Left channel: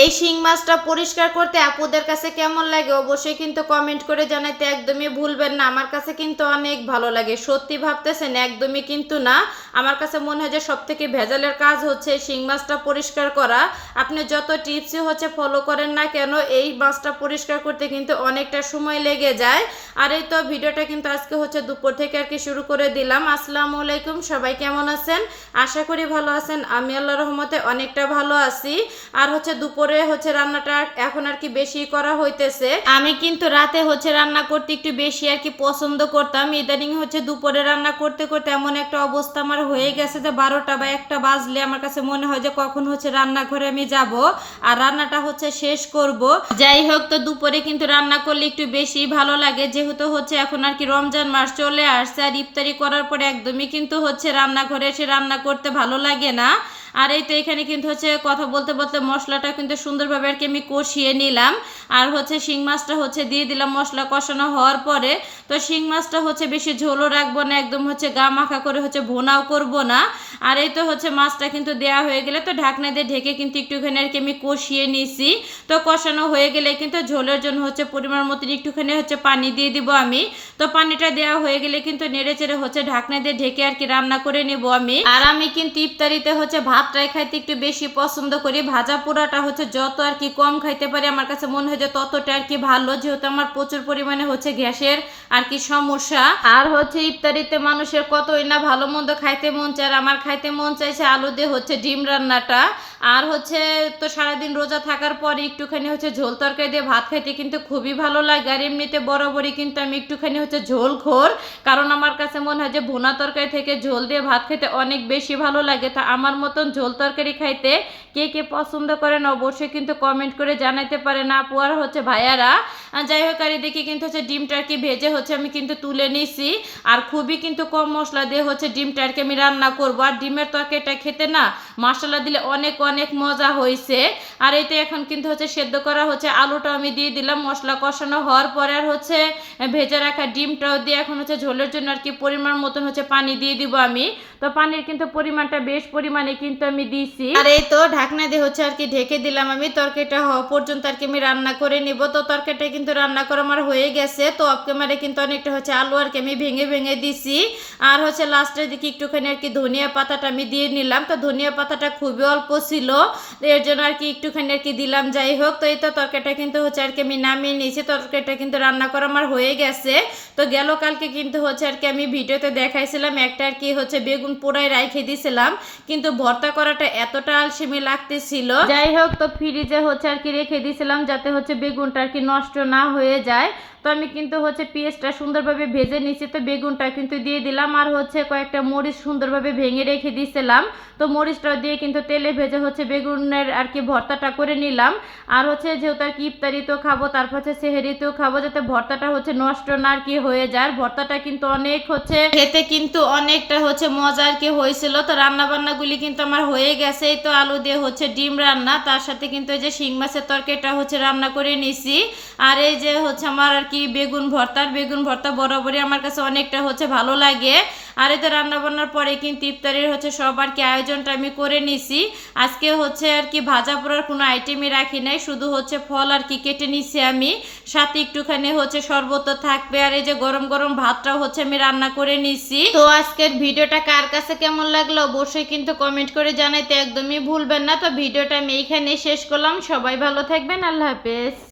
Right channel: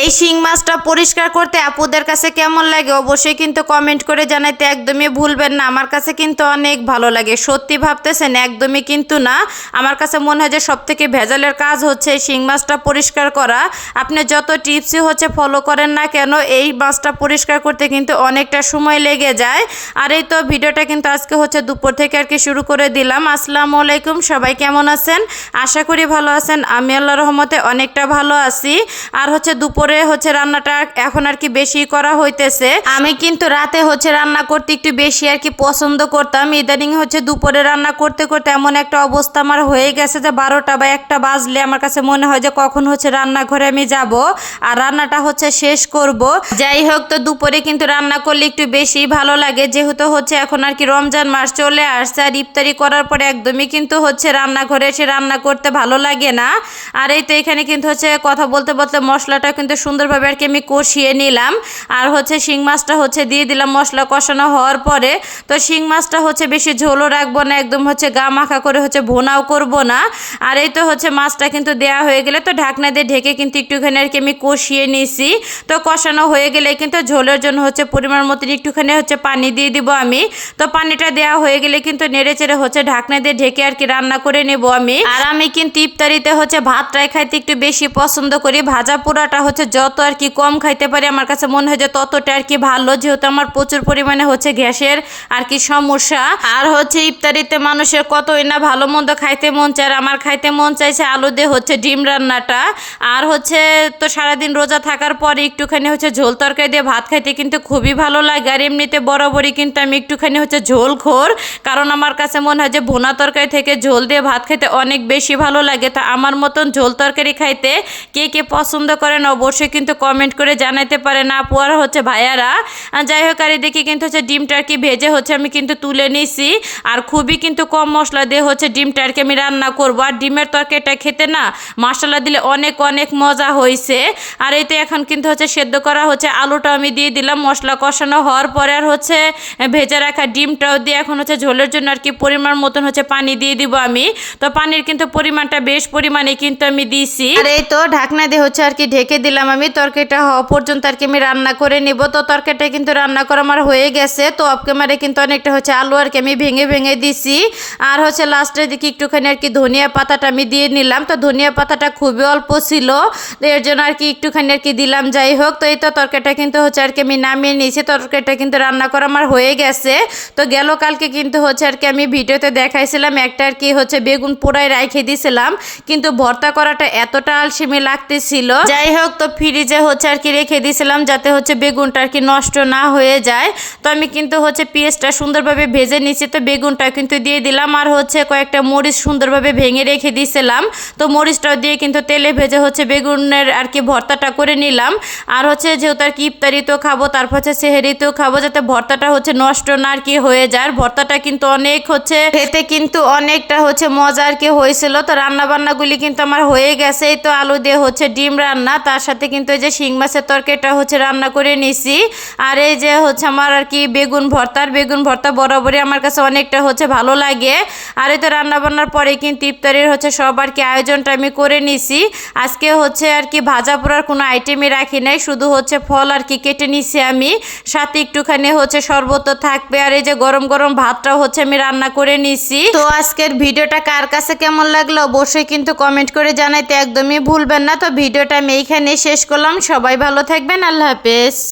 এই শিং মাছটা পরিষ্কার করতে আপুদের কাছে কেমন লাগে অবশ্যই কিন্তু কমেন্ট করে জানাইতে একদমই ভুলবেন না। আমার কাছে কিন্তু অনেক ভালো লাগে, সত্যি ভাবতেছেন একদমই কিন্তু না। আমার কাছে মনে হয় যে সবথেকে ভেজালের কাজ হচ্ছে এই শিং মাছটা পরিষ্কার করা। আপনি যত টিপসই হচ্ছে ফলো করেন না কেন, এই মাছটা পরিষ্কার করতে কিন্তু অনেকটা সময় লেগে যায়। আর এই তো ভিডিওটা কিন্তু আজকে হচ্ছে দুপুর থেকে আর কি শুরু করে দিলাম। আসসালামু আলাইকুম, সবাই কেমন আছেন? আশা করি ভালো আছেন। আমি আল্লাহর রহমতে অনেকটা ভালো আছি। আর হচ্ছে দুপুরে হচ্ছে রান্নাটা এখন আর কি বেশি করা হইতেছে। আমি কিন্তু রাতে হচ্ছে রান্না করতে একটু বেশি আর কি পছন্দ করতাম। ইদানিং হচ্ছে দুপুরে রান্না করতে করতে এমন একটা অবস্থা আমার হয়ে গেছে যে 12টা বা 1টা বাজলে আমার কাছে মনে হয় যে কখন হচ্ছে রান্নাঘরে আমি যাব আর রান্নাটা হচ্ছে শেষ করব। যাই হোক, তো দুপুরে কিন্তু রান্না করলে একটু বেশি ভালো লাগে, যেহেতু হচ্ছে এখন আর কি রমজান মাস চলে আসছে। আর ইফতারি করার পরে একদমই কিন্তু হচ্ছে রান্নাঘরে এসে রান্না করতে ভালো লাগে না। আর এই তো এখানে কিন্তু হচ্ছে কথা বলতে বলতে মশলাটা কিন্তু সুন্দরভাবে আর কি আমি কষিয়ে নিলাম। আর হচ্ছে শিং মাছটা হচ্ছে দিয়ে দিলাম মশলা কষানো হওয়ার পরে। তো শিং মাছটা হচ্ছে বেশি ঝোলও রাখবো না, একদম হচ্ছে গা মাখা করে হচ্ছে ভোনাও করব না। আর এই তো হচ্ছে মাছটা কিন্তু দেয়া হয়ে গেলে তো ঢাকনা দিয়ে ঢেকে কিন্তু একটুখানি আর কি আমি কষিয়ে নিছি। তো কষানো হয়ে গেলে কিন্তু ঝোলের জন্য হচ্ছে পরিমাণ মতন একটুখানি হচ্ছে পানি দিয়ে দিব আমি। তো পানিটা দেওয়া হয়ে গেলে কিন্তু নেড়ে চেড়ে হচ্ছে ঢাকনা দিয়ে ঢেকে আর কি রান্না করে নেব আমি। আর আমি কিন্তু ইফতারিতে হচ্ছে ভাতটাই খাইতে একটু বেশি পছন্দ করি। ভাজা পোড়াটা হচ্ছে যত আর কি কম খাইতে পারি আমার কাছে মনে হয় যে ততটা আর কি ভালো, যেহেতু আমার প্রচুর পরিমাণে হচ্ছে গ্যাসের আর কি সমস্যা। আর হচ্ছে ইফতারিতে মানুষের কতই না ভালো মন্দ খাইতে মন চায়, আর আমার খাইতে মন চাইছে আলু দিয়ে হচ্ছে ডিম রান্নাটা। আর হচ্ছে তো সারাদিন রোজা থাকার পরে একটুখানি হচ্ছে ঝোল তরকারি দিয়ে ভাত খাইতে কিন্তু খুবই ভালো লাগে। আর এমনিতে বরাবরই কিন্তু আমি একটুখানি হচ্ছে ঝোল খোর, কারণ আমার কাছে মনে হয় যে ভুনা তরকারি থেকে ঝোল দিয়ে ভাত খাইতে অনেক বেশি ভালো লাগে। তো আমার মতন ঝোল তরকারি খাইতে কে কে পছন্দ করেন অবশ্যই কিন্তু কমেন্ট করে জানাইতে পারেন আপু আর হচ্ছে ভাইয়ারা। যাই হোক, আর এদিকে কিন্তু হচ্ছে ডিমটা আর কি ভেজে হচ্ছে আমি কিন্তু তুলে নিছি। আর খুবই কিন্তু কম মশলা দিয়ে হচ্ছে ডিমটা আর কি আমি রান্না করবো। আর ডিমের তরকারিটা খেতে না মশলা দিলে অনেক অনেক মজা হয়েছে। আর এই তো এখন কিন্তু হচ্ছে সেদ্ধ করা হচ্ছে আলুটা আমি দিয়ে দিলাম মশলা কষানো হওয়ার পরে। আর হচ্ছে ভেজে রাখা ডিমটাও দিয়ে এখন হচ্ছে ঝোলের জন্য আর কি পরিমাণ মতন হচ্ছে পানি দিয়ে দিব আমি। তো পানির কিন্তু পরিমাণটা বেশ পরিমাণে কিন্তু আমি দিছি। আর এই তো ঢাকনা দিয়ে হচ্ছে আর কি ঢেকে দিলাম আমি। তরকারিটা হওয়া পর্যন্ত আর কি আমি রান্না করে নিব। তো তরকারিটা কিন্তু রান্না করা আমার হয়ে গেছে। তো অফ ক্যামেরায় কিন্তু অনেকটা হচ্ছে আলু আর কি আমি ভেঙে ভেঙে দিছি। আর হচ্ছে লাস্টের দিকে একটুখানি আর কি ধনিয়া পাতাটা আমি দিয়ে নিলাম। তো ধনিয়া পাতাটা খুবই অল্প ছিল, এর জন্য আর কি একটুখানি আর কি দিলাম। যাই হোক, তো এই তো তরকারিটা কিন্তু হচ্ছে আর কি আমি নামিয়ে নিয়েছি। তরকারিটা কিন্তু রান্না করা আমার হয়ে গেছে। তো গেল কালকে কিন্তু হচ্ছে আর কি আমি ভিডিওতে দেখাইছিলাম একটা আর কি হচ্ছে বেগুন পোড়ায় রাইখে দিয়েছিলাম, কিন্তু ভর্তা করাটা এতটা আলসেমি লাগতেছিল। যাই হোক, তো ফ্রিজে হচ্ছে আর কি রেখে দিয়েছিলাম যাতে হচ্ছে বেগুনটা আর কি নষ্ট না হয়ে যায়। তো আমি কিন্তু হচ্ছে পেঁয়াজটা সুন্দরভাবে ভেজে নিচ্ছি। তো বেগুনটা কিন্তু দিয়ে দিলাম আর হচ্ছে কয়েকটা মরিচ সুন্দরভাবে ভেঙে রেখে দিয়েছিলাম। তো মরিচটাও দিয়ে কিন্তু তেলে ভেজে হচ্ছে বেগুনের আর কি ভর্তাটা করে নিলাম। আর হচ্ছে যেহেতু আর কি ইফতারিতেও খাবো, তারপর হচ্ছে সেহেরিতেও খাবো, যাতে ভর্তাটা হচ্ছে নষ্ট না আর কি হয়ে যায়। ভর্তাটা কিন্তু অনেক হচ্ছে খেতে কিন্তু অনেকটা হচ্ছে মজা আর কি হয়েছিল। তো রান্না বান্নাগুলি কিন্তু আমার হয়ে গেছে। এই তো আলু দিয়ে হচ্ছে ডিম রান্না, তার সাথে কিন্তু এই যে শিং মাছের তরকারিটা হচ্ছে রান্না করে নিছি। আর এই যে হচ্ছে আমার আর কি বেগুন ভর্তা বরাবরই আমার কাছে অনেকটা হচ্ছে ভালো লাগে। আর এই তো রান্না বান্নার পরে কিন্তু ইফতারির হচ্ছে সব আর কি আয়োজনটা আমি করে নিছি। আজকে হচ্ছে আর কি ভাজা পোড়ার কোনো আইটেমই রাখি নাই, শুধু হচ্ছে ফল আর কি কেটে নিছি আমি, সাথে একটুখানি হচ্ছে শরবত থাকবে। আর এই যে গরম গরম ভাতটাও হচ্ছে আমি রান্না করে নিছি। তো আজকের ভিডিওটা কার কাছে কেমন লাগলো অবশ্যই কিন্তু কমেন্ট করে জানাইতে একদমই ভুলবেন না। তো ভিডিওটা আমি এইখানে শেষ করলাম। সবাই ভালো থাকবেন, আল্লাহ হাফেজ।